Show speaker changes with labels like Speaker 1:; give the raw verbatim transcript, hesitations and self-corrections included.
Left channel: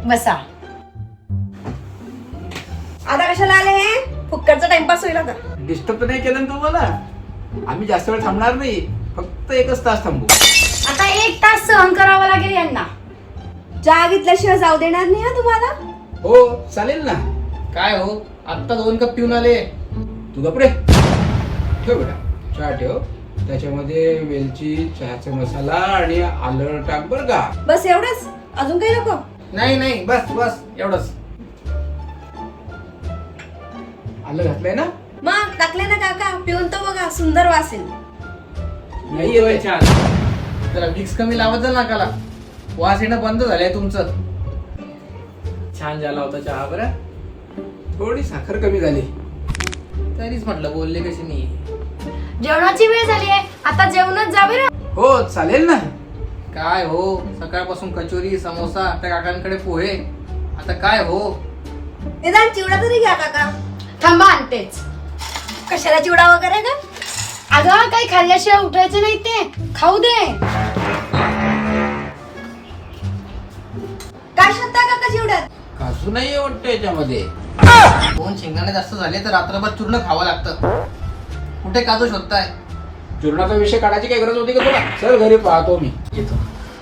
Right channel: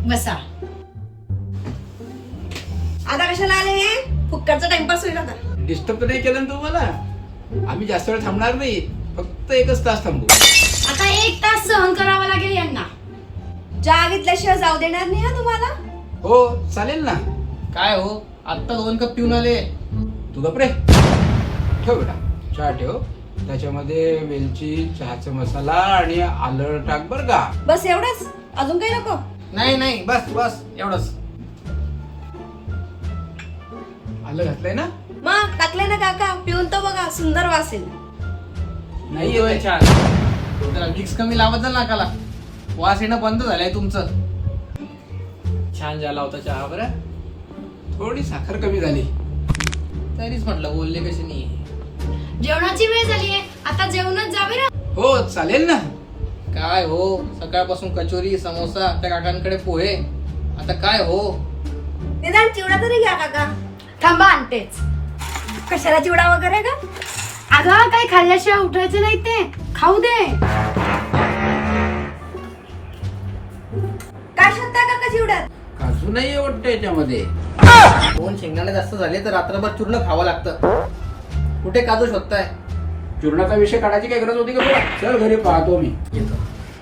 Speaker 1: बसा.
Speaker 2: आता कशाला आले हे? फुक्करचा टाइमपास होईल आता.
Speaker 3: डिस्टर्ब तर नाही केलं ना तुम्हाला? आम्ही जास्त वेळ थांबणार नाही, फक्त एकच तास थांबू.
Speaker 1: आता एक तास सहन करावं लागेल यांना.
Speaker 2: चहा घेतल्याशिवाय जाऊ देणार नाही हा तुम्हाला.
Speaker 3: हो चालेल ना.
Speaker 4: काय हो, आत्ता दोन कप पिऊन आले.
Speaker 3: तू गपरे. ठेव बेटा, चहा ठेव. त्याच्यामध्ये वेलची, चहाचा मसाला आणि आलं टाक बर का.
Speaker 2: बस एवढंच, अजून काही नको.
Speaker 4: नाही नाही, बस बस एवढंच.
Speaker 3: आलं घातलंय ना?
Speaker 2: मग टाकले ना काका, पिऊन तर बघा, सुंदर वासेल.
Speaker 3: नाही येतोय
Speaker 4: छान. जरा मिक्स कमी लावत जा नाकाला, वास येणं बंद झालंय तुमचं. छान झाला होता चहा बरं.
Speaker 3: थोडी साखर कमी झाली.
Speaker 4: तरीच म्हटलं बोलले कशी नाही.
Speaker 1: जेवणाची वेळ झाली आहे, आता जेवणच जावे ना.
Speaker 3: हो चालेल ना.
Speaker 4: काय हो, सकाळपासून कचोरी समोसा, त्या काकांकडे पोहे, आता काय हो.
Speaker 2: निदान चिवडा तरी घ्या काका.
Speaker 1: थांबा आणतेच.
Speaker 2: कशाला चिवडा वगैरे का?
Speaker 1: अगं काही खाल्ल्याशिवाय उठायचं नाही, ते खाऊ दे.
Speaker 2: काय शकता काका चिवड्यात?
Speaker 3: काजू नाहीये वाटतं याच्यामध्ये.
Speaker 4: दोन शेंगदाणे जास्त झाले तर रात्रभर चूर्ण खावं लागतं. कुठे काजू शोधताय?
Speaker 3: चूर्णाचा विषय काढायची काही गरज होती का तुला? चल घरी पाहतो मी.
Speaker 4: येतो.